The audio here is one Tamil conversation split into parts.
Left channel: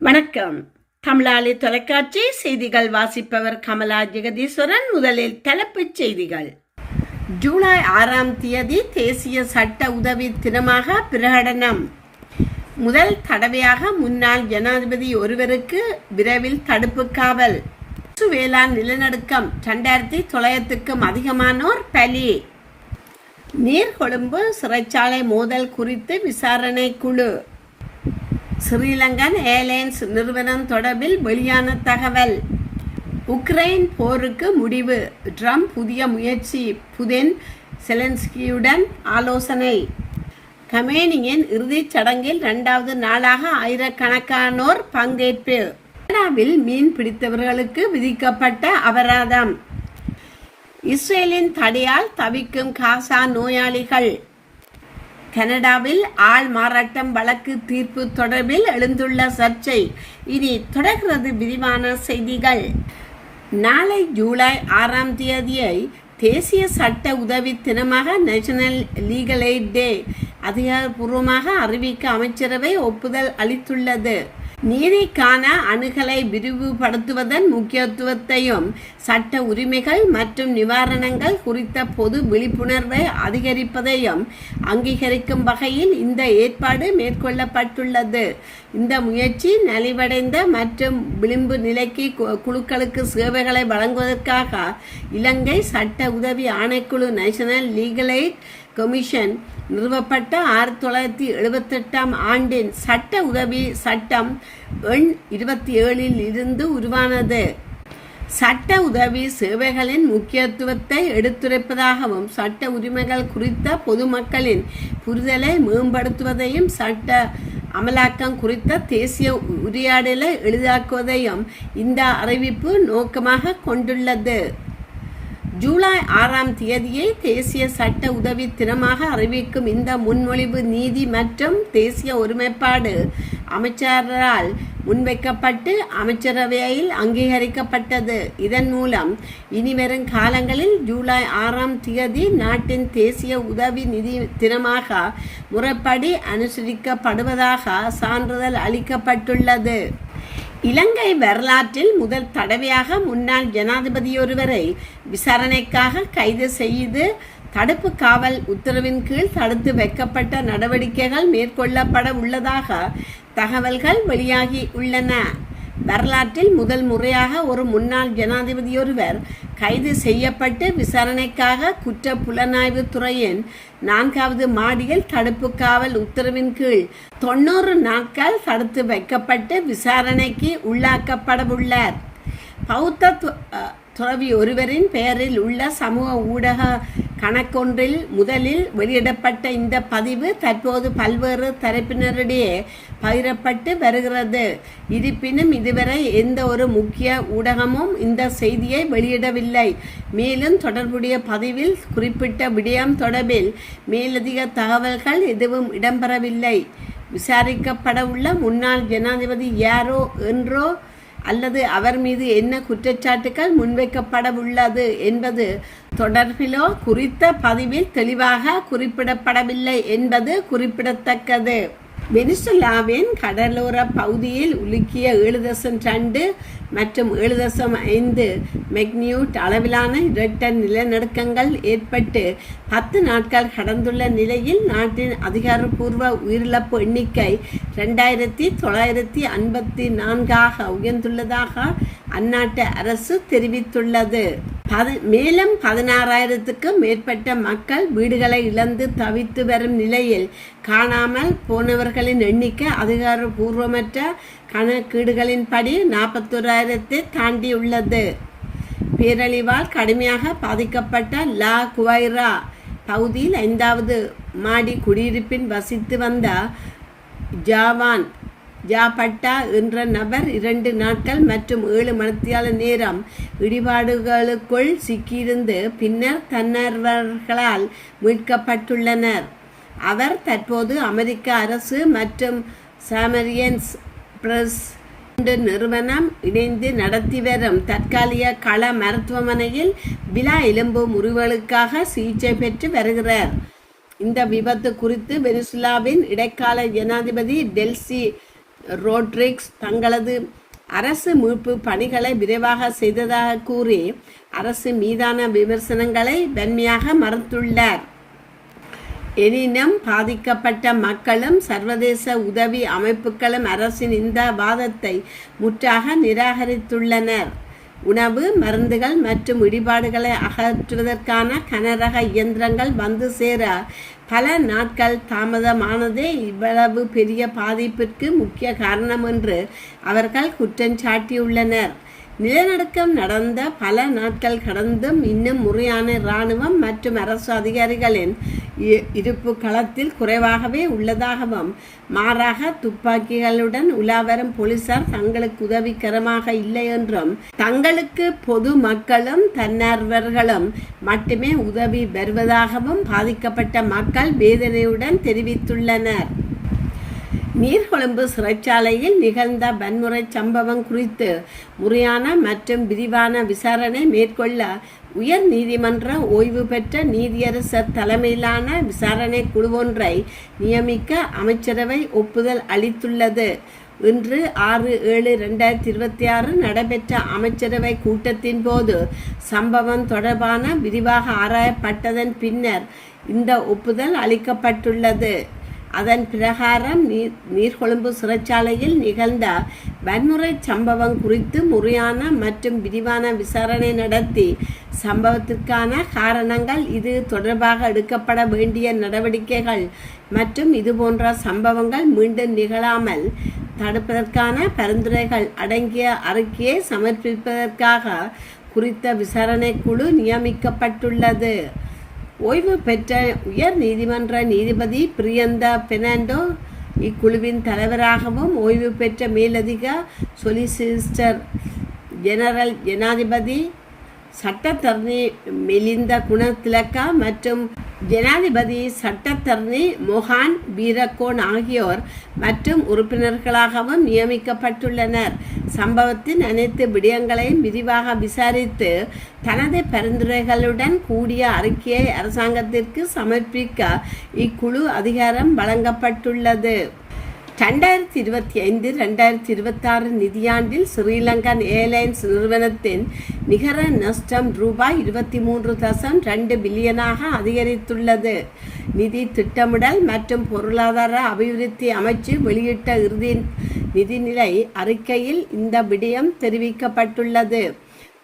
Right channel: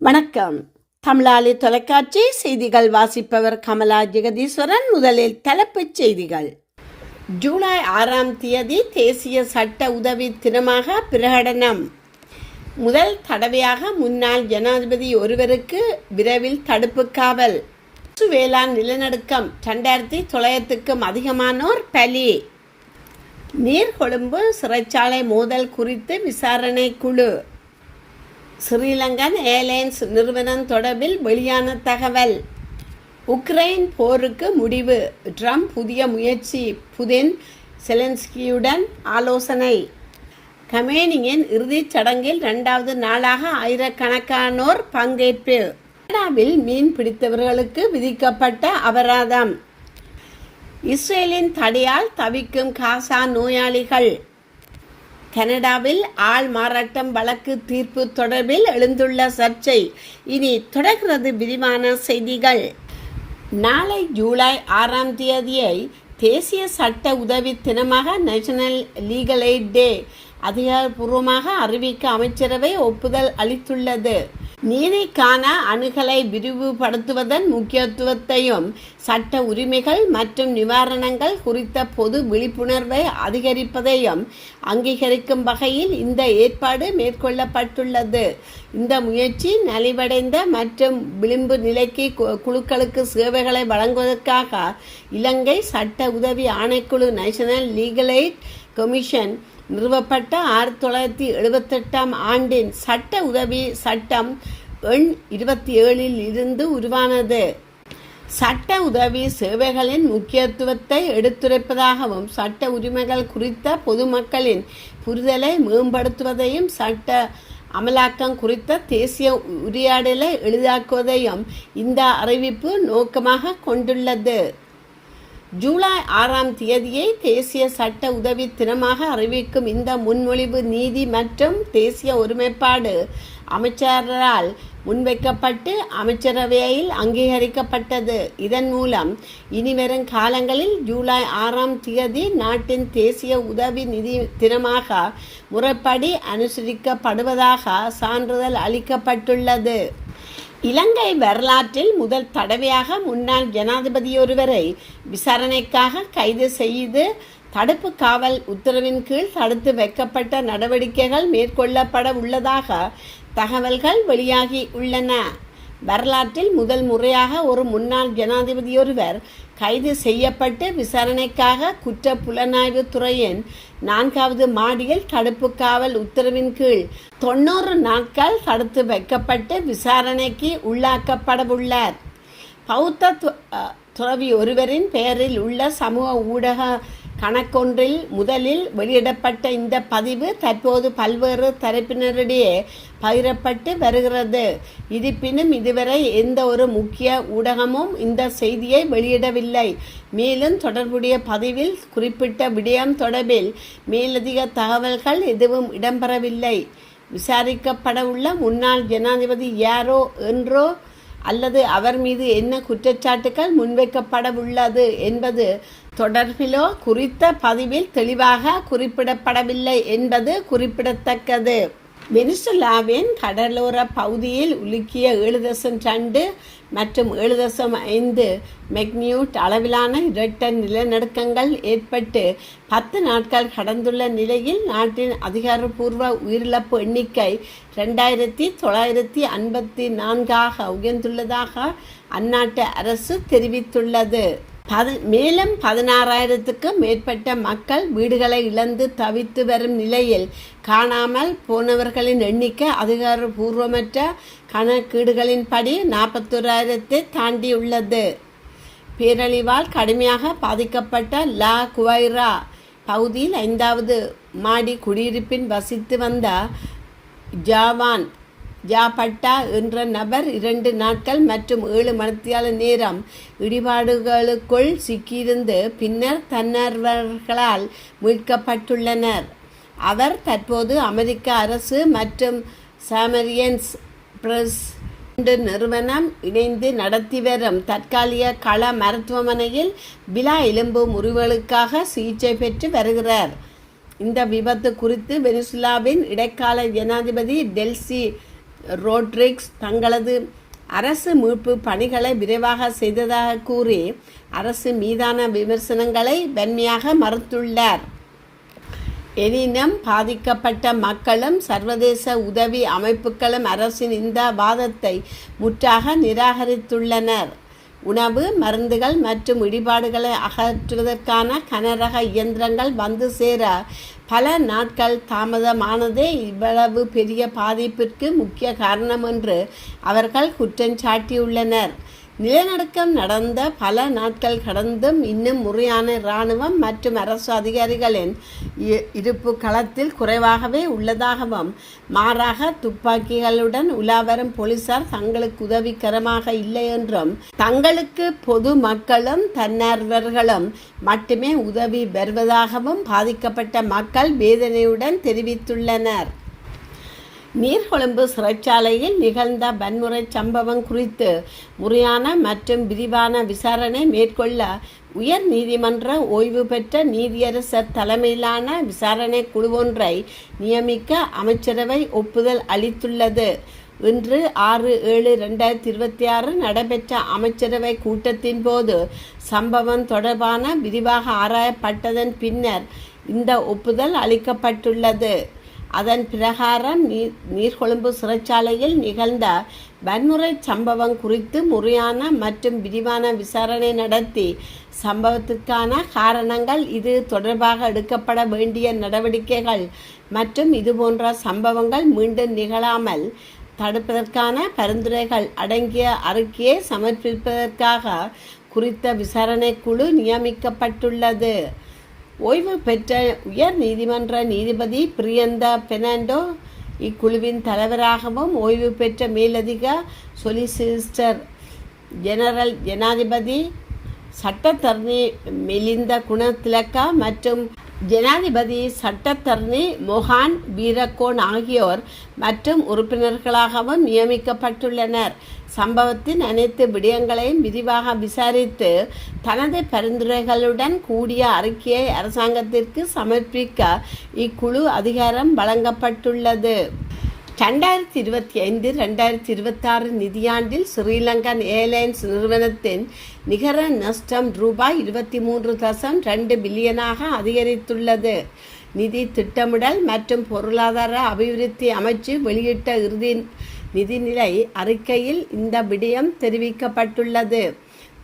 வணக்கம். தமிழாளி தொலைக்காட்சி செய்திகள் வாசிப்பவர் கமலா ஜெகதீஸ்வரன். முதலில் தலைப்புச் செய்திகள். ஜூலை 6ஆம் தேதி தேசிய சட்ட உதவி தினமாக பிரகடனம். முதல் தடவையாக முன்னாள் ஜனாதிபதி ஒருவருக்கு விரைவில் தடுப்பு காவல். வேளாண் நிலநடுக்கம் 2900க்கும் அதிகமானோர் பலி. நீர்கொழும்பு சிறைச்சாலை மோதல் குறித்து விசாரணை குழு. ஸ்ரீலங்கன் ஏர்லைன்ஸ் நிறுவனம் தொடர்பில் வெளியான தகவல். உக்ரைன் போருக்கு முடிவு, ட்ரம்ப் புதிய முயற்சி, புதின் செலன்ஸ்கியுடன் ஆலோசனை. கமேனியின் இறுதிச் சடங்கில் 2வது நாளாக ஆயிரக்கணக்கானோர் பங்கேற்பு. கனடாவில் மீன் பிடித்தவர்களுக்கு விதிக்கப்பட்ட அபராதம். இஸ்ரேலின் தடையால் தவிக்கும் காசா நோயாளிகள். கனடாவில் ஆள் மாறாட்டம் வழக்கு தீர்ப்பு தொடர்பில் எழுந்துள்ள சர்ச்சை. இனி தொடர்கிறது விரிவான செய்திகள். நாளை ஜூலை 6ஆம் தேதியை தேசிய சட்ட உதவி தினமாக நேஷனல் லீகல் எய்ட் டே அதிகாரப்பூர்வமாக அறிவிக்க அமைச்சரவை ஒப்புதல் அளித்துள்ளது. நீதிக்கான அணுகலை விரிவுபடுத்துவதன் முக்கியத்துவத்தையும் சட்ட உரிமைகள் மற்றும் நிவாரணங்கள் குறித்த பொது விழிப்புணர்வை அதிகரிப்பதையும் அங்கீகரிக்கும் வகையில் இந்த ஏற்பாடு மேற்கொள்ளப்பட்டுள்ளது. இந்த முயற்சி நலிவடைந்த மற்றும் விளிம்பு நிலைக்கு குழுக்களுக்கு சேவைகளை வழங்குவதற்காக இலங்கை சட்ட உதவி ஆணைக்குழு நேஷனல் லீகல் எய்ட் கமிஷன் நிறுவப்பட்ட 1978ஆம் ஆண்டின் சட்ட உதவி சட்டம் எண் 27 இருந்து உருவானது. சட்ட உதவி சேவைகளின் முக்கியத்துவத்தை எடுத்துரைப்பதாகவும் சட்ட உரிமைகள் குறித்த பொதுமக்களின் புரிதலை மேம்படுத்துவதையும் சட்ட அமலாக்கம் குறித்த தேசிய உரையாடலை எளிதாக்குவதையும் இந்த அறிவிப்பு நோக்கமாக கொண்டுள்ளது. ஜூலை 6ஆம் தேதியை தேசிய சட்ட உதவி தினமாக அறிவிக்கும் இந்த முன்மொழிவு நீதி மற்றும் தேசிய ஒருமைப்பாடு அமைச்சரால் முன்வைக்கப்பட்டு அமைச்சரவையில் அங்கீகரிக்கப்பட்டது. இதன் மூலம் இனிவரும் காலங்களில் ஜூலை 6ஆம் தேதி நாட்டின் தேசிய உதவி நிதி தினமாக முறைப்படி அனுசரிக்கப்படுவதாக சான்றிதழ் அளிக்கப்பட்டுள்ளது. இலங்கை வரலாற்றில் முதல் தடவையாக முன்னாள் ஜனாதிபதியொருவரை விசாரணைக்காக கைது செய்து தடுப்பு காவல் உத்தரவின் கீழ் தடுத்து வைக்கப்பட்ட நடவடிக்கைகள் மேற்கொள்ளப்பட உள்ளதாக தகவல்கள் வெளியாகி உள்ளன. வரலாற்றில் முதல் முறையாக ஒரு முன்னாள் ஜனாதிபதியொருவர் கைது செய்யப்பட்டு விசாரணைக்காக குற்ற புலனாய்வு துறையின் 4வது மாடியில் தடுப்பு காவல் உத்தரவின் கீழ் 90 நாட்கள் தடுத்து வைக்கப்பட்டு விசாரணைக்கு உள்ளாக்கப்படவுள்ளார். பௌத்த துறவி ஒருவரின் பெயரில் உள்ள சமூக ஊடக கணக்கொன்றில் முதலில் வெளியிடப்பட்ட இந்த பதிவு தற்போது பல்வேறு தரப்பினரிடையே பகிரப்பட்டு வருகிறது. இருப்பினும் இதுவரை எந்த ஒரு முக்கிய ஊடகமும் இந்த செய்தியை வெளியிடவில்லை. மேலும் தொடர்புடைய பதிவில் குறிப்பிட்ட விடயம் தொடர்பில் மேலதிக தகவல்கள் எதுவும் இடம்பெறவில்லை. விசாரிக்கப்படவுள்ள முன்னாள் ஜனாதிபதி யாரோ என்றோ அல்லது அவர் மீது என்ன குற்றச்சாட்டுகள் முன்வைக்கப்படவுள்ளது என்பது தொடர்பிலோ குறித்த பதிவில் தெளிவாக குறிப்பிடப்படவில்லை என்பது குறிப்பிடத்தக்கது. வெனிசுலாவின் கடலோர பகுதியில் உலுக்கிய 7.2 மற்றும் 7.5 மெக்னியூட் அளவிலான இரட்டை நிலநடுக்கங்கள் ஏற்பட்டு 10 நாட்கள் கடந்துள்ள நிலையில் நாட்டின் அதிகாரப்பூர்வ உயிரிழப்பு எண்ணிக்கை 2954 உயர்ந்துள்ளதாக அந்நாட்டு அரசு தெரிவித்துள்ளது. மேலும் 16,000க்கும் மேற்பட்ட மக்கள் வீடுகளை இழந்து தவித்து வரும் நிலையில் காணாமல் போனவர்களின் எண்ணிக்கை அதிகாரப்பூர்வமற்ற கணக்கீடுகளின்படி 41,000 தாண்டியுள்ளது. பேரழிவால் கடுமையாக பாதிக்கப்பட்ட லா குவைரா பகுதியில் 5வது மாடி குடியிருப்பில் வசித்து வந்த ஜாபட்டா என்ற நபர் 2 நாட்கள் மற்றும் 7 மணித்தியால நேரம் இடிபாடுகளுக்குள் சிக்கியிருந்து பின்னர் தன்னார்வலர்களால் மீட்கப்பட்டுள்ளனர். அவர் தற்போது அமெரிக்க அரசு மற்றும் சாமரியன்ஸ் பிரஸ் நிறுவனம் இணைந்து நடத்தி வரும் தற்காலிக கள மருத்துவமனையில் விலா எலும்பு முறிவுகளுக்காக சிகிச்சை பெற்று வருகிறார். இந்த விபத்து குறித்து வெனிசுலாவின் இடைக்கால ஜனாதிபதி டெல்சி ரோட்ரிக்ஸ் தங்களது அரசு மீட்பு பணிகளை விரைவாக செய்ததாக கூறி அரசு மீதான விமர்சனங்களை வன்மையாக மறுத்துள்ளார். எனினும் பாதிக்கப்பட்ட மக்களும் சர்வதேச உதவி அமைப்புகளும் அரசின் இந்த வாதத்தை முற்றாக நிராகரித்துள்ளனர். உணவு, மருந்துகள் மற்றும் இடிபாடுகளை அகற்றுவதற்கான கனரக இயந்திரங்கள் வந்து சேர பல நாட்கள் தாமதமானதே இவ்வளவு பெரிய பாதிப்பிற்கு முக்கிய காரணம் என்று அவர்கள் குற்றம் சாட்டியுள்ளனர். நிலநடுக்கம் நடந்த பல நாட்கள் கடந்தும் இன்னும் முறையான இராணுவம் மற்றும் அரசு அதிகாரிகளின் இருப்பு களத்தில் குறைவாகவே உள்ளதாகவும், மாறாக துப்பாக்கிகளுடன் உலாவரும் போலீசார் தங்களுக்கு உதவிகரமாக இல்லை என்றும், தங்களுக்கு பொது மக்களும் தன்னார்வர்களும் மட்டுமே உதவி வருவதாகவும் பாதிக்கப்பட்ட மக்கள் வேதனையுடன் தெரிவித்துள்ளனர். நீர்கொழும்பு சிறைச்சாலையில் நிகழ்ந்த வன்முறை சம்பவம் குறித்து முறையான மற்றும் விரிவான விசாரணை மேற்கொள்ள உயர் நீதிமன்ற ஓய்வு பெற்ற நீதியரசர் தலைமையிலான விசாரணை குழு ஒன்றை நியமிக்க அமைச்சரவை ஒப்புதல் அளித்துள்ளது. இன்று 6/7/2026 நடைபெற்ற அமைச்சரவை கூட்டத்தின் போது சம்பவம் தொடர்பான விரிவாக ஆராயப்பட்டதன் பின்னர் இந்த ஒப்புதல் அளிக்கப்பட்டுள்ளது. அதன் பிரகாரம் நீர்கொழும்பு சிறைச்சாலையில் நிகழ்ந்த வன்முறை சம்பவம் குறித்து முறையான மற்றும் விரிவான விசாரணை நடத்தி சம்பவத்திற்கான காரணங்கள், இது தொடர்பாக எடுக்கப்பட வேண்டிய நடவடிக்கைகள் மற்றும் இதுபோன்ற சம்பவங்கள் மீண்டும் நிகழாமல் தடுப்பதற்கான பரிந்துரைகள் அடங்கிய அறிக்கையை சமர்ப்பிப்பதற்காக குறித்த விசாரணை குழு நியமிக்கப்பட்டுள்ளது. ஓய்வு பெற்ற உயர் நீதிமன்ற நீதிபதி பிரியந்தா பெர்னாண்டோ இக்குழுவின் தலைவராகவும், ஓய்வு பெற்ற மேலதிக சொலிசிஸ்டர் ஜெனரல் ஜனாதிபதி சட்டத்தரணி மெலிந்த குணதிலக்கா மற்றும் ஜனாதிபதி சட்டத்தரணி மொஹான் வீரகோன் ஆகியோர் மற்றும் உறுப்பினர்களாகவும் நியமிக்கப்பட்டுள்ளனர். சம்பவத்தின் அனைத்து விடயங்களையும் விரிவாக விசாரித்து தனது பரிந்துரைகளுடன் கூடிய அறிக்கையை அரசாங்கத்திற்கு சமர்ப்பிக்க இக்குழு அதிகாரம் வழங்கப்பட்டுள்ளது. 2025-2026 நிதியாண்டில் ஸ்ரீலங்கன் ஏர்லைன்ஸ் நிறுவனத்தின் நிகர நஷ்டம் ரூபாய் 23.2 பில்லியனாக அதிகரித்துள்ளது. நிதி திட்டமிடல் மற்றும் பொருளாதார அபிவிருத்தி அமைச்சு வெளியிட்ட இறுதி நிதிநிலை அறிக்கையில் இந்த விடயம் தெரிவிக்கப்பட்டுள்ளது.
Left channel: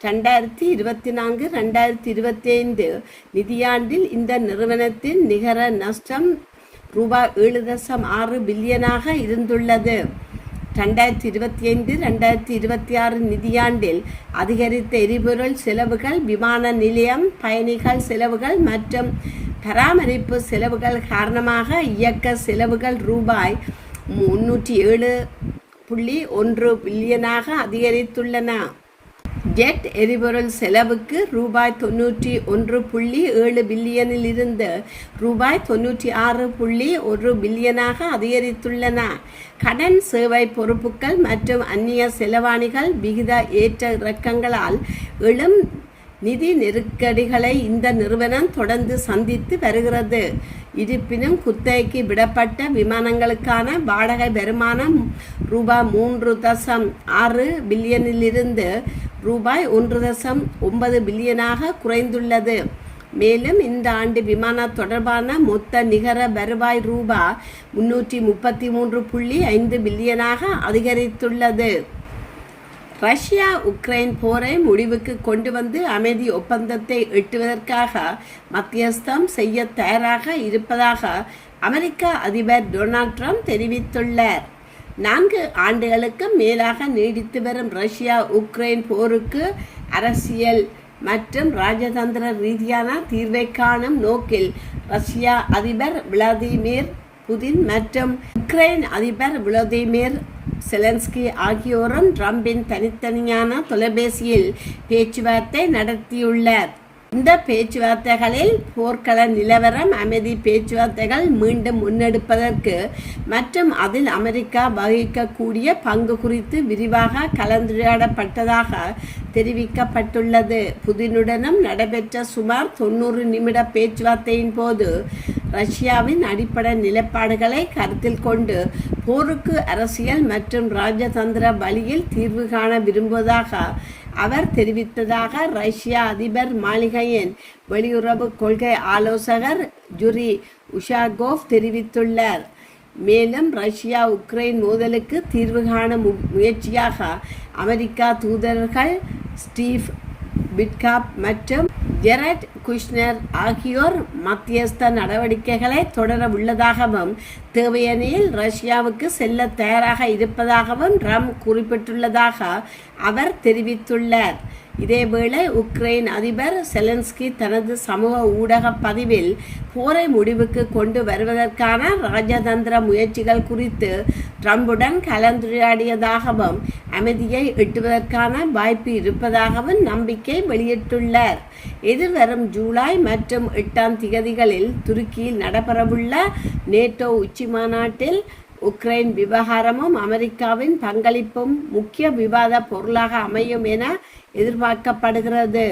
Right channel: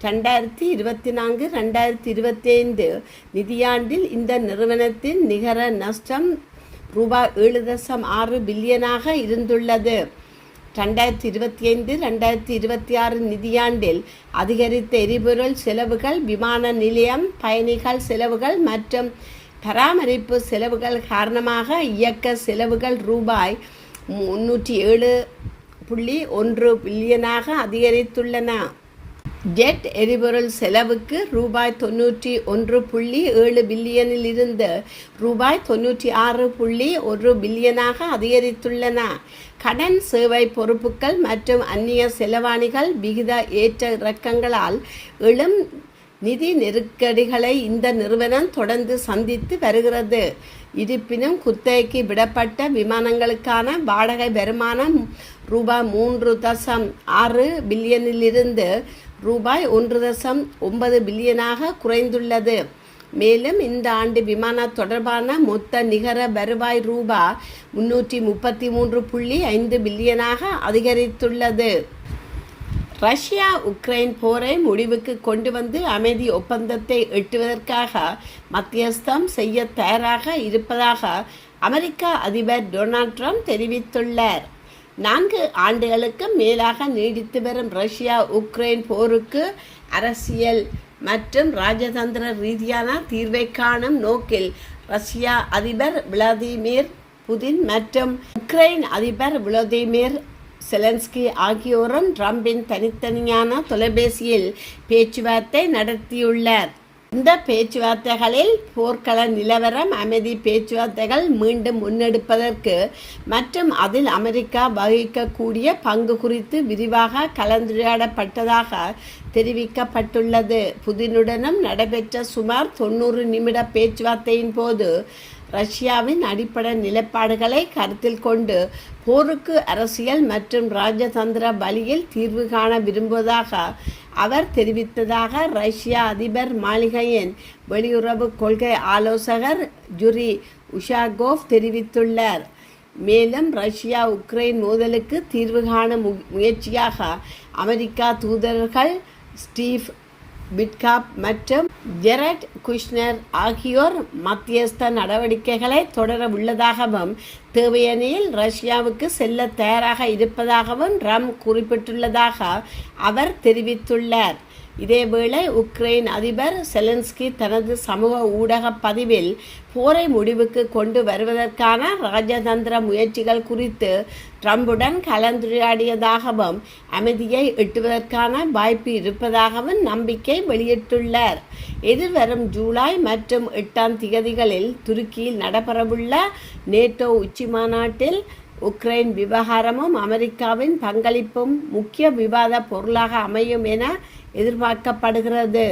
2024-2025 நிதியாண்டில் இந்த நிறுவனத்தின் நிகர நஷ்டம் ரூபாய் 7.6 பில்லியனாக இருந்துள்ளது. 2025-2026 நிதியாண்டில் அதிகரித்த எரிபொருள் செலவுகள், விமான நிலையம் பயணிகள் செலவுகள் மற்றும் பராமரிப்பு செலவுகள் காரணமாக இயக்க செலவுகள் ரூபாய் 307.1 பில்லியனாக அதிகரித்துள்ளன. ஜெட் எரிபொருள் செலவுக்கு ரூபாய் 91.7 பில்லியனில் இருந்து ரூபாய் 96.1 பில்லியனாக அதிகரித்துள்ளன. கடன், சேவை பொறுப்புகள் மற்றும் அந்நிய செலவாணிகள் விகித ஏற்ற இறக்கங்களால் எழும் நிதி நெருக்கடிகளை இந்த நிறுவனம் தொடர்ந்து சந்தித்து வருகிறது. இருப்பினும் குத்தகைக்கு விடப்பட்ட விமானங்களுக்கான வாடகை வருமானம் ரூபாய் 3.6 பில்லியனிலிருந்து ரூபாய் 1.9 பில்லியனாக குறைந்துள்ளது. மேலும் இந்த ஆண்டு விமான தொடர்பான மொத்த நிகர வருவாய் ரூபாய் 333.5 பில்லியனாக அதிகரித்துள்ளது. ரஷ்யா உக்ரைன் போரை முடிவுக்கு கொண்டு வந்து அமைதி ஒப்பந்தத்தை எட்டுவதற்காக மத்தியஸ்தம் செய்ய தயாராக இருப்பதாக அமெரிக்க அதிபர் டொனால்ட் ட்ரம்ப் தெரிவித்துள்ளார். 4 ஆண்டுகளுக்கு மேலாக நீடித்து வரும் ரஷ்யா உக்ரைன் போருக்கு அரசியல் மற்றும் ராஜதந்திர ரீதியான தீர்வை காணும் நோக்கில் ரஷ்யா அதிபர் விளாடிமிர் புதின் மற்றும் உக்ரைன் அதிபர் விளாடிமிர் செலன்ஸ்கி ஆகியோரும் ட்ரம்பின் தனித்தனியான தொலைபேசியில் பேச்சுவார்த்தை நடத்தியுள்ளார். இந்த பேச்சுவார்த்தைகளில் போர்க்கள நிலவரம், அமைதி பேச்சுவார்த்தைகள் மீண்டும் முன்னெடுப்பதற்கு மற்றும் அதில் அமெரிக்கா வகிக்கக்கூடிய பங்கு குறித்து விரிவாக கலந்துரையாடப்பட்டதாக தெரிவிக்கப்பட்டுள்ளது. புதினுடனும் நடைபெற்ற சுமார் 90 நிமிட பேச்சுவார்த்தையின் போது ரஷ்யாவின் அடிப்படை நிலைப்பாடுகளை கருத்தில் கொண்டு போருக்கு அரசியல் மற்றும் ராஜதந்திர வழியில் தீர்வு காண விரும்புவதாக அவர் தெரிவித்ததாக ரஷ்ய அதிபர் மாளிகையின் வெளியுறவு கொள்கை ஆலோசகர் ஜுரி உஷாகோவ் தெரிவித்துள்ளார். மேலும் ரஷ்யா உக்ரைன் மோதலுக்கு தீர்வு காணும் முயற்சியாக அமெரிக்கா தூதர்கள் ஸ்டீவ் விட்காப் மற்றும் ஜெரட் குஷ்னர் ஆகியோர் மத்தியஸ்த நடவடிக்கைகளை தொடர உள்ளதாகவும் தேவையெனில் ரஷ்யாவுக்கு செல்ல தயாராக இருப்பதாகவும் ட்ரம்ப் குறிப்பிட்டுள்ளதாக அவர் தெரிவித்துள்ளார். இதேவேளை உக்ரைன் அதிபர் செலன்ஸ்கி தனது சமூக ஊடக பதிவில் போரை முடிவுக்கு கொண்டு வருவதற்கான ராஜதந்திர முயற்சிகள் குறித்து ட்ரம்புடன் கலந்துரையாடியதாகவும் அமைதியை எட்டுவதற்கான வாய்ப்பு இருப்பதாகவும் நம்பிக்கை வெளியிட்டுள்ளார். எதிர்வரும் ஜூலை மற்றும் 8ஆம் திகதிகளில் துருக்கியில் நடைபெறவுள்ள நேட்டோ உச்சி மாநாட்டில் உக்ரைன் விவகாரமும் அமெரிக்காவின் பங்களிப்பும் முக்கிய விவாத பொருளாக அமையும் என எதிர்பார்க்கப்படுகிறது.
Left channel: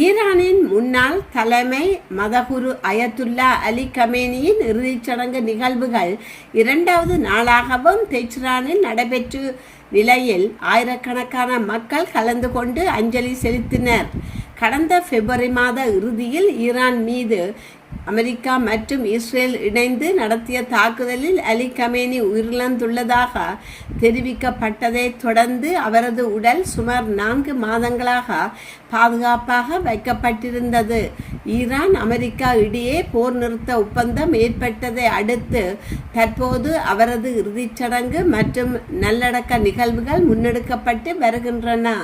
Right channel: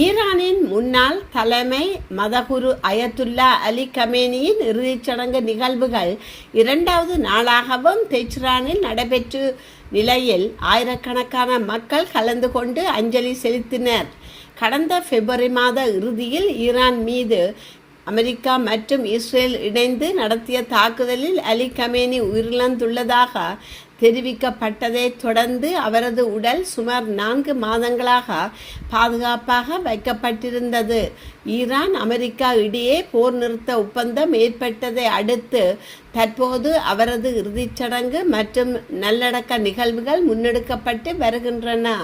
ஈரானின் முன்னாள் தலைமை மதகுரு அயத்துல்லா அலி கமேனியின் இறுதிச் சடங்கு நிகழ்வுகள் 2வது நாளாகவும் தெஹ்ரானில் நடைபெற்ற நிலையில் ஆயிரக்கணக்கான மக்கள் கலந்து கொண்டு அஞ்சலி செலுத்தினர். கடந்த பிப்ரவரி மாத இறுதியில் ஈரான் மீது அமெரிக்கா மற்றும் இஸ்ரேல் இணைந்து நடத்திய தாக்குதலில் அலி கமேனி உயிரிழந்துள்ளதாக தெரிவிக்கப்பட்டதை தொடர்ந்து அவரது உடல் சுமார் 4 மாதங்களாக பாதுகாப்பாக வைக்கப்பட்டிருந்தது. ஈரான் அமெரிக்கா இடையே போர் நிறுத்த ஒப்பந்தம் ஏற்பட்டதை அடுத்து தற்போது அவரது இறுதிச் சடங்கு மற்றும் நல்லடக்க நிகழ்வுகள் முன்னெடுக்கப்பட்டு வருகின்றன.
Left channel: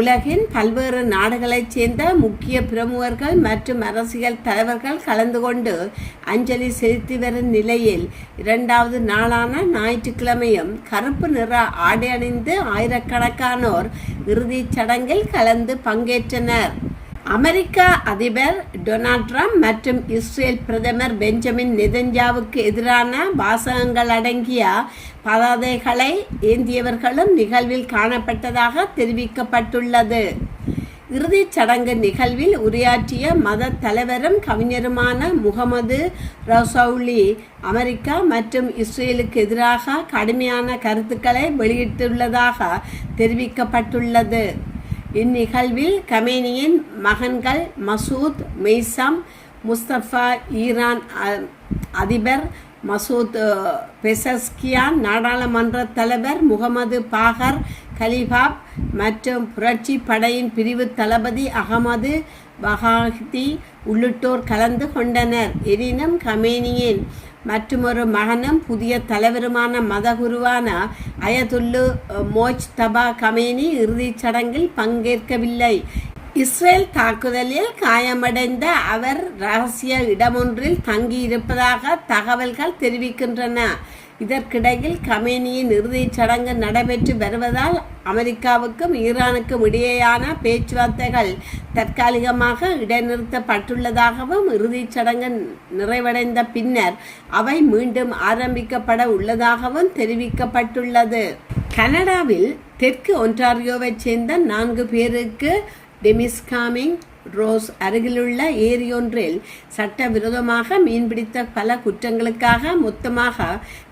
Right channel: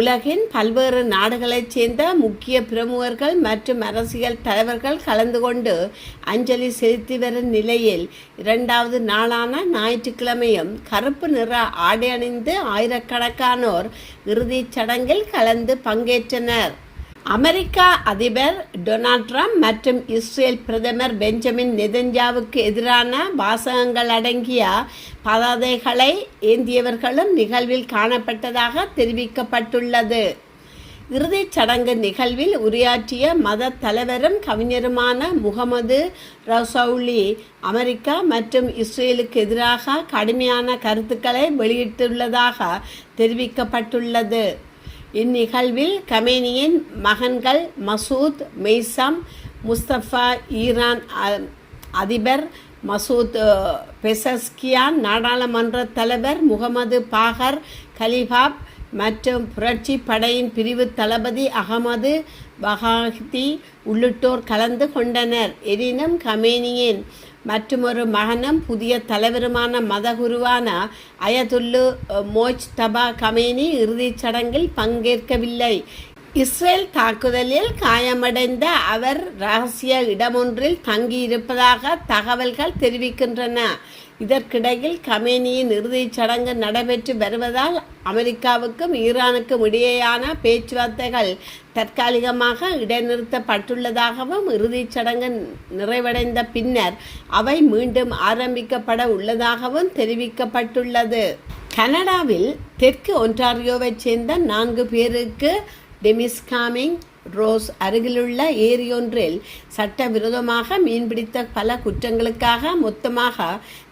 உலகின் பல்வேறு நாடுகளைச் சேர்ந்த முக்கிய பிரமுகர்கள் மற்றும் அரசியல் தலைவர்கள் கலந்து கொண்டு அஞ்சலி செலுத்தி வரும் நிலையில் 2வது நாளான ஞாயிற்றுக்கிழமையும் கருப்பு நிற ஆடை அணிந்து ஆயிரக்கணக்கானோர் இறுதிச் சடங்கில் கலந்து பங்கேற்றனர். அமெரிக்க அதிபர் டொனால்ட் ட்ரம்ப் மற்றும் இஸ்ரேல் பிரதமர் பெஞ்சமின் நெதன்யாவுக்கு எதிரான வாசகங்கள் அடங்கிய பதாதைகளை ஏந்தியவர்களும் நிகழ்வில் காணப்பட்டதாக தெரிவிக்கப்பட்டுள்ளது. இறுதிச் சடங்கு நிகழ்வில் உரையாற்றிய மத தலைவரும் கவிஞருமான முகமது ரசௌலி அமெரிக்கா மற்றும் இஸ்ரேலுக்கு எதிராக கடுமையான கருத்துக்களை வெளியிட்டுள்ளதாக தெரிவிக்கப்பட்டுள்ளது. இந்நிகழ்வில் கமேனியின் மகன்கள் மசூத் மெய்சம் முஸ்தபா, ஈரான் அதிபர் மசூத் பெசஸ்கியான், நாடாளுமன்ற தலைவர் முகமது பாகர் கலிபாப் மற்றும் புரட்சி படையின் பிரிவு தளபதி அகமது பகாஹதி உள்ளிட்டோர் கலந்து கொண்டனர். எனினும் கமேனியின் மற்றொரு மகனும் புதிய தலைவருமான மதகுருவான அயதுல்லு மோஜ்தபா கமேனி இறுதிச் சடங்கில் பங்கேற்கவில்லை. இஸ்ரேல் தாக்குதலில் காயமடைந்த அவர் இரகசிய இடமொன்றில் தங்கியிருப்பதாக தகவல்கள் தெரிவிக்கின்றன. இதற்கிடையில் கமேனியின் இறுதிச் சடங்கு நடைபெற்று வருவதால் அமெரிக்காவுக்கும் ஈரானுக்கும் இடையேயான பேச்சுவார்த்தைகள் தற்காலிகமாக இடைநிறுத்தப்பட்டுள்ளதாகவும் இறுதிச் சடங்கு நிறைவடைந்த பின்னர் அவை மீண்டும் ஆரம்பிக்கப்பட உள்ளதாகவும் தெரிவிக்கப்பட்டுள்ளது. கனடாவில் தெற்கு ஒன்டாரியோவைச் சேர்ந்த 4 பேருக்கு டெமிஸ்காமிங் ரோஸ் அருகிலுள்ள ஏரியொன்றில் சட்டவிரோதமாக மீன்பிடித்த பல குற்றங்களுக்காக மொத்தமாக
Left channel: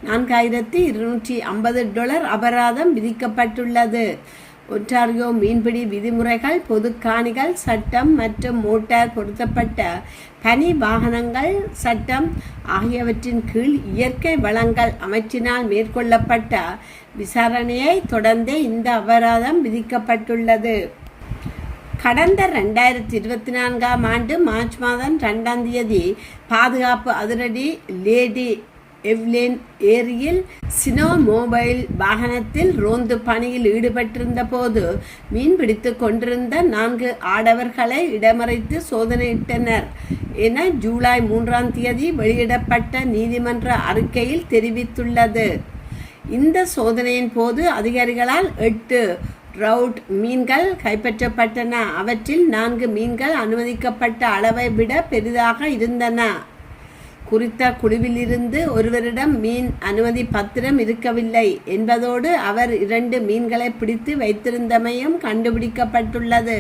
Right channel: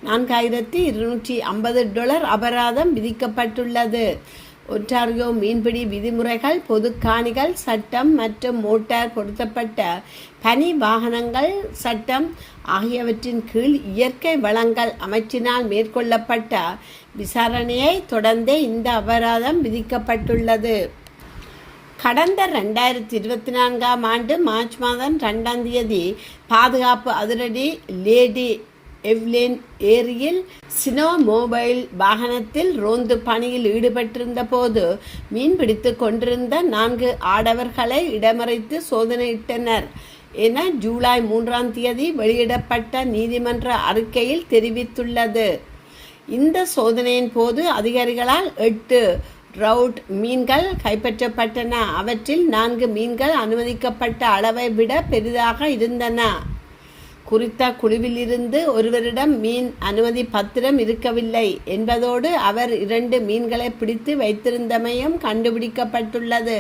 $4,250 அபராதம் விதிக்கப்பட்டுள்ளது. ஒன்டாரியோ மீன்பிடி விதிமுறைகள், பொது காணிகள் சட்டம் மற்றும் மோட்டார் பொருத்தப்பட்ட பனி வாகனங்கள் சட்டம் ஆகியவற்றின் கீழ் இயற்கை வளங்கள் அமைச்சினால் மேற்கொள்ளப்பட்ட விசாரணையை தொடர்ந்தே இந்த அபராதம் விதிக்கப்பட்டுள்ளது. கடந்த 2024ஆம் ஆண்டு மார்ச் மாதம் 2ஆம் தேதி பாதுகாப்பு அதிரடி லேடி எவ்லின் ஏரியில் சினோ மொபைல் வாகனத்தில் ரோந்து பணியில் ஈடுபட்டிருந்த போது மீன்பிடித்து கொண்டிருந்த 4 ஆடவர்களை இடமறைத்து சோதனையிட்டனர் என ஜூலை 3ஆம் தேதி வெளியிடப்பட்ட நீதிமன்ற அறிக்கையில் தெரிவித்துள்ளது. இந்த சோதனையின் போது அதிகாரிகளால் 8 ரவுட் மீன்கள் கைப்பற்றப்பட்டன. அவற்றில் 4 மீன்கள் அனுமதிக்கப்பட்ட அளவை விட பெரிதாக இருந்தன. குறித்த குழுவிலிருந்து ஒருவரிடம் மீன் அனுமதி பத்திரம் இருக்கவில்லை என்பதோடு அவர் 2 மீன்களை பிடித்து வைத்திருந்தமையும் கண்டுபிடிக்கப்பட்டுள்ளது.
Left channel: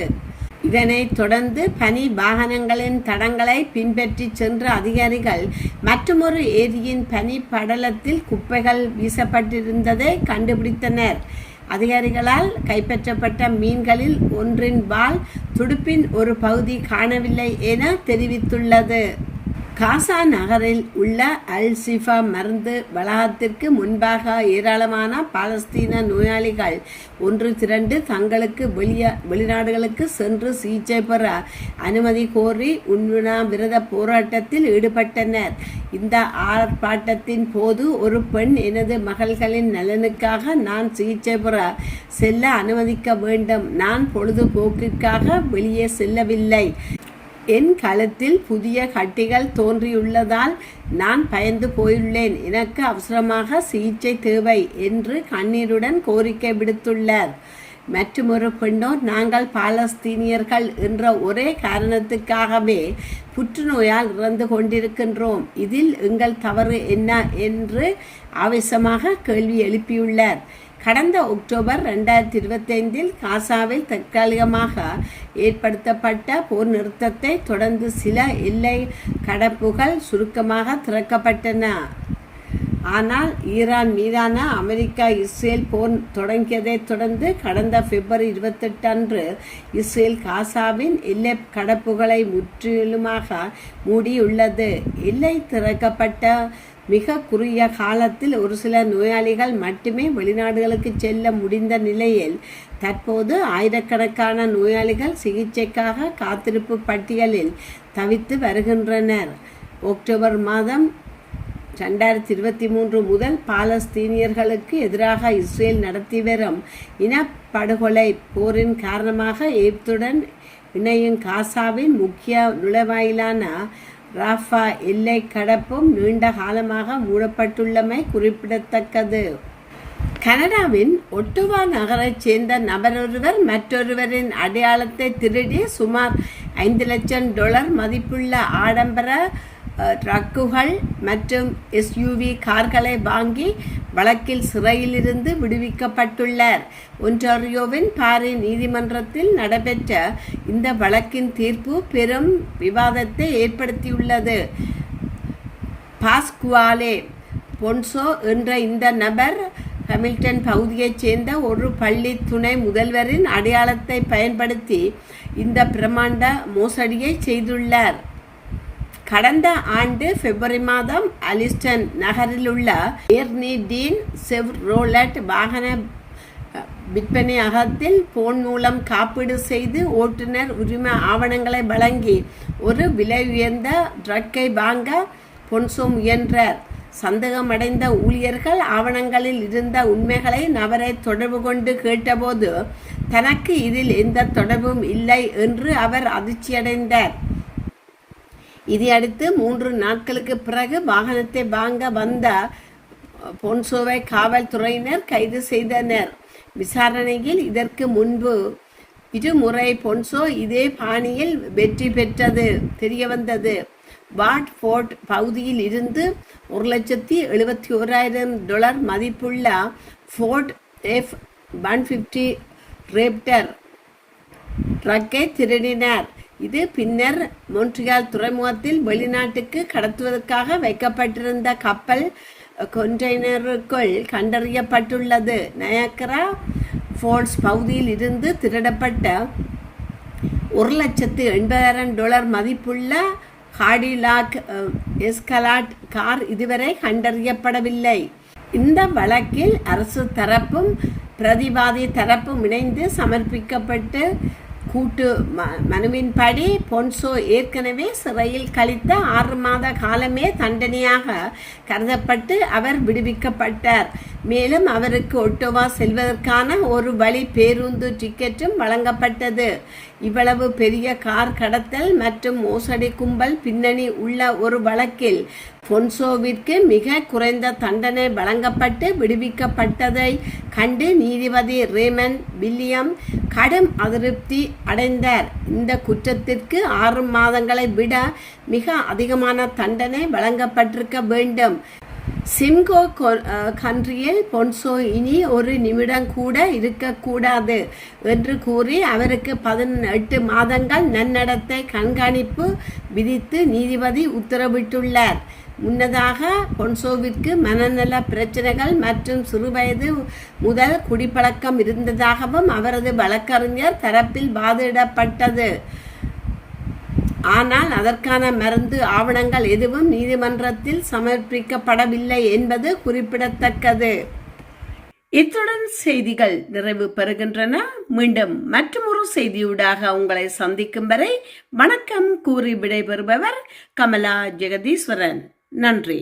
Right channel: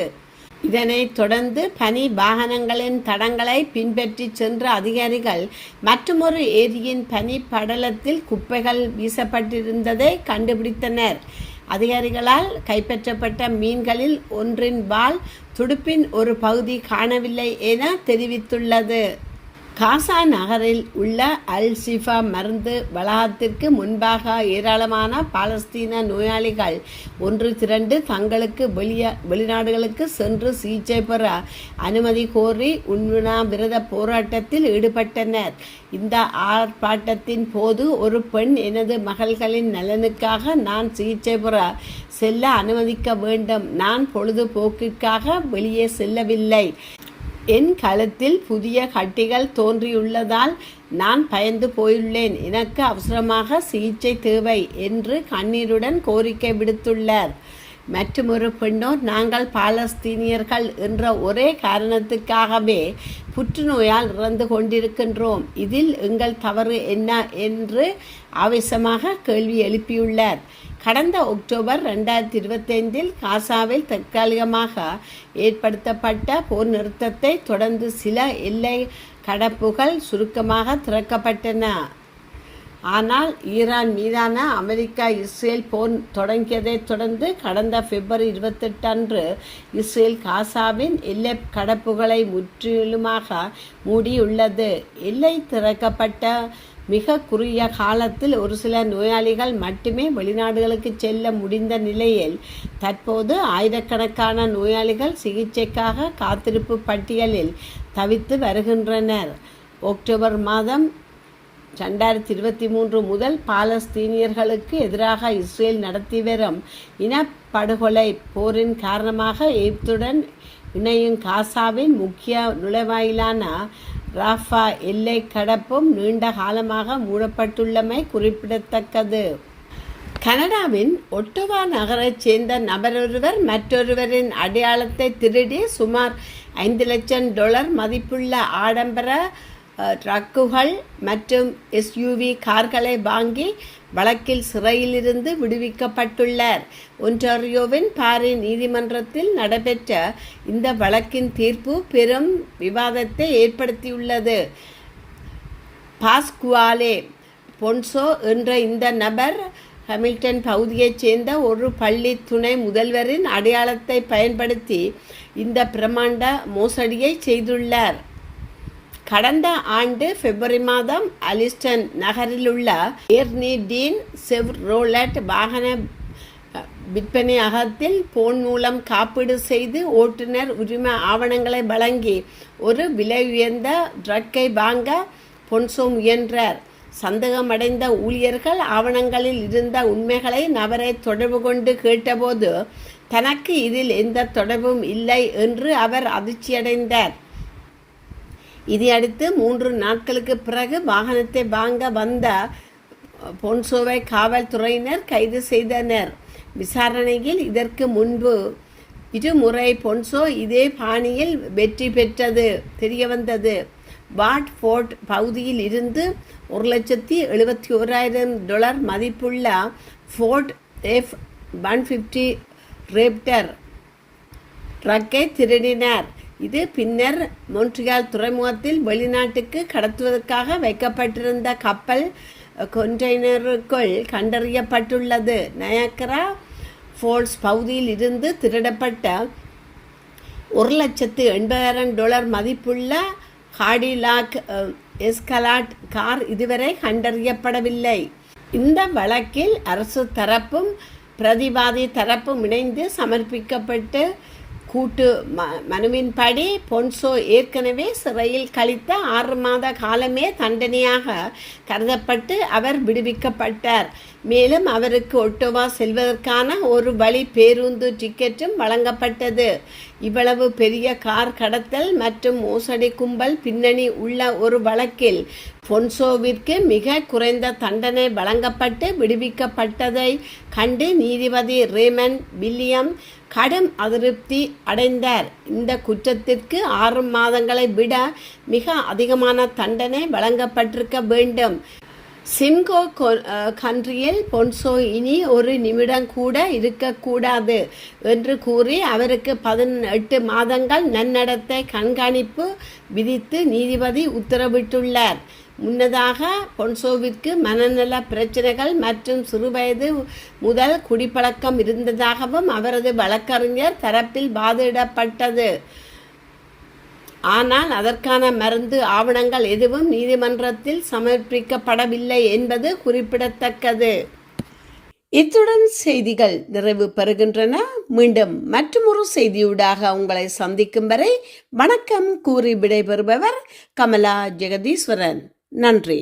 இதனைத் தொடர்ந்து பனி வாகனங்களின் தடங்களை பின்பற்றி சென்ற அதிகாரிகள் மற்றொரு ஏரியின் பனி படலத்தில் குப்பைகள் வீசப்பட்டிருந்ததை கண்டுபிடித்தனர். அதிகாரிகளால் கைப்பற்றப்பட்ட மீன்களில் ஒன்றின் வால் துடுப்பின் ஒரு பகுதி காணவில்லை என தெரிவித்துள்ளது. காசா நகரில் உள்ள அல் ஷிஃபா மருந்து வளாகத்திற்கு முன்பாக ஏராளமான பாலஸ்தீன நோயாளிகள் ஒன்று திரண்டு தங்களுக்கு வெளிநாடுகளுக்கு சென்று சிகிச்சை பெற அனுமதி கோரி உண்ணாவிரத போராட்டத்தில் ஈடுபட்டனர். இந்த ஆர்ப்பாட்டத்தின் போது ஒரு பெண், எனது மகள்களின் நலனுக்காக நான் சிகிச்சை பெற செல்ல அனுமதிக்க வேண்டும், நான் பொழுதுபோக்கிற்காக வெளியே செல்லவில்லை, என் கழுத்தில் புதிய கட்டிகள் தோன்றியுள்ளதால் நான் பயந்து போயுள்ளேன், எனக்கு அவசரமாக சிகிச்சை தேவை என்று கண்ணீருடன் கோரிக்கை விடுத்துள்ளார். மற்றொரு பெண்ணோ, நாங்கள் பாலஸ்தீனியர்கள் என்ற ஒரே காரணத்துக்காகவே புற்றுநோயால் இறந்து கொண்டிருக்கின்றோம், இதில் எங்கள் தவறு என்ன என்று ஆவேசமாக கேள்வி எழுப்பியுள்ளார். கடந்த அக்டோபர் 2025 காசாவில் தற்காலிகமாக ஏற்படுத்தப்பட்ட போர் நிறுத்தத்தை தொடர்ந்து சில எல்லை கடப்புகள் சுருக்கமாக திறக்கப்பட்டன. ஆனால் ஈரான் மீதான அமெரிக்கா இஸ்ரேல் போர் தொடங்கியதைத் தொடர்ந்து கடந்த பிப்ரவரி 28 அன்று இஸ்ரேல் காசாவின் எல்லை கடப்புகளை முற்றிலுமாக மூடியுள்ளது. எல்லை திறக்கப்பட்ட மிக குறுகிய காலத்தில் ஒரு சில நோயாளிகள் மட்டுமே வெளிநாடுகளுக்கு செல்ல முடிந்த நிலையில் தற்போது ஆயிரக்கணக்கான நோயாளிகள் சிகிச்சைக்காக காத்திருப்பு பட்டியலில் தவித்து வருகின்றனர். அக்டோபர் மாதம் 2023 முதல் பாலஸ்தீனியர்களுக்கு எதிராக இஸ்ரேல் நடத்தி வரும் இனப்படுகொலை போரின் காரணமாக எகிப்துடன் இணையும் காசாவின் முக்கிய நுழைவாயிலான ராஃபா எல்லை கடப்பும் நீண்ட காலமாக மூடப்பட்டுள்ளமை குறிப்பிடத்தக்கது. கனடாவின் ஒட்டோவா நகரைச் சேர்ந்த நபரொருவர் மற்றொருவரின் அடையாளத்தை திருடி சுமார் $5,00,000 மதிப்புள்ள ஆடம்பர ட்ரக்குகள் மற்றும் SUV கார்களை வாங்கி வழக்கில் சிறையிலிருந்து விடுவிக்கப்பட்டுள்ளார். ஒன்டாரியோவின் பாரி நீதிமன்றத்தில் நடைபெற்ற இந்த வழக்கின் தீர்ப்பு பெரும் விவாதத்தை ஏற்படுத்தியுள்ளது. பாஸ்குவாலே பொன்சோ என்ற இந்த நபர் ஹாமில்டன் பகுதியைச் சேர்ந்த ஒரு பள்ளி துணை முதல்வரின் அடையாளத்தை பயன்படுத்தி இந்த பிரமாண்ட மோசடியை செய்துள்ளார். கடந்த ஆண்டு பிப்ரவரி மாதம் அலிஸ்டன் நகரிலுள்ள ஏர்னி டீன் செவ்ரோலட் வாகன விற்பனையகத்தில் போன் மூலம் காப்பீடு செய்து ஓட்டுநர் உரிமை ஆவணங்களை வழங்கி ஒரு விலை உயர்ந்த ட்ரக்கை வாங்க பொன்சோ முயன்றார். சந்தேகமடைந்த ஊழியர்கள் ஆவணங்களில் இருந்த உண்மைகளை நபரை தொடர்பு கொண்டு கேட்டபோது தனக்கு இதில் எந்த தொடர்பும் இல்லை என்று அவர் அதிர்ச்சியடைந்தார். இதையடுத்து 3 நாட்களுக்கு பிறகு வாகனத்தை வாங்க வந்த பொன்சோவை காவல்துறையினர் கைது செய்தனர். விசாரணையில் இதற்கு முன்பு இருமுறை பொன்சோ இதே பாணியில் வெற்றி பெற்றது தெரியவந்தது. வாட்ஃபோர்ட் பகுதியில் இருந்து $1,71,000 மதிப்புள்ள ஃபோர்ட் F-150 ரேப்டர் ட்ரக்கை திருடினார். இது பின்னர் மொன்ட்ரியால் துறைமுகத்தில் வெளிநாட்டுக்கு கடத்துவதற்காக வைக்கப்பட்டிருந்த கப்பல் கொண்டெய்னருக்குள் கண்டறியப்பட்டுள்ளது. நயாகரா ஃபால்ஸ் பகுதியில் இருந்து திருடப்பட்ட $1,80,000 மதிப்புள்ள காடிலாக் எஸ்கலாட் கார் இதுவரை கண்டறியப்படவில்லை. இந்த வழக்கில் அரசு தரப்பும் பிரதிவாதி தரப்பும் இணைந்து சமர்ப்பிக்கப்பட்டு கூட்டு மனுவின்படி பொன்சோ ஏற்கனவே சிறையில் கழித்த 6 மாத காலமே தண்டனையாக கருதப்பட்டு அவர் விடுவிக்கப்பட்டார். மேலும் அவருக்கு ஒட்டோவா செல்வதற்கான ஒரு வழி பேருந்து டிக்கெட்டும் வழங்கப்பட்டது. இவ்வளவு பெரிய கார் கடத்தல் மற்றும் மோசடி கும்பல் பின்னணி உள்ள ஒரு வழக்கில் பொன்சோவிற்கு மிக குறைந்த தண்டனை வழங்கப்பட்டு விடுவிக்கப்பட்டதை கண்டு நீதிபதி ரேமன் வில்லியம் கடும் அதிருப்தி அடைந்தார். இந்த குற்றத்திற்கு 6 மாதங்களை விட மிக அதிகமான தண்டனை வழங்கப்பட்டிருக்க வேண்டும். சிம்கோ கண்ட்ரியில் பொன்சோ இனி ஒரு நிமிடம் கூட இருக்கக்கூடாது என்று கூறி அவருக்கு 18 மாதங்கள் நன்னடத்தை கண்காணிப்பு விதித்து நீதிபதி உத்தரவிட்டுள்ளார். முன்னதாக பொன்சோவிற்கு மனநல பிரச்சனைகள் மற்றும் சிறுவயது முதல் குடிப்பழக்கம் இருந்ததாகவும் அவரது வழக்கறிஞர் தரப்பில் வாதிடப்பட்டது. ஆனால் அதற்கான மருந்து ஆவணங்கள் எதுவும் நீதிமன்றத்தில் சமர்ப்பிக்கப்படவில்லை என்பது குறிப்பிடத்தக்கது. இத்துடன் செய்திகள் நிறைவு பெறுகின்றன. மீண்டும் மற்றொரு செய்தியூடாக உங்களை சந்திக்கும் வரை வணக்கம் கூறி விடைபெறுபவர் கமலா ஜெகதீஸ்வரன். நன்றி.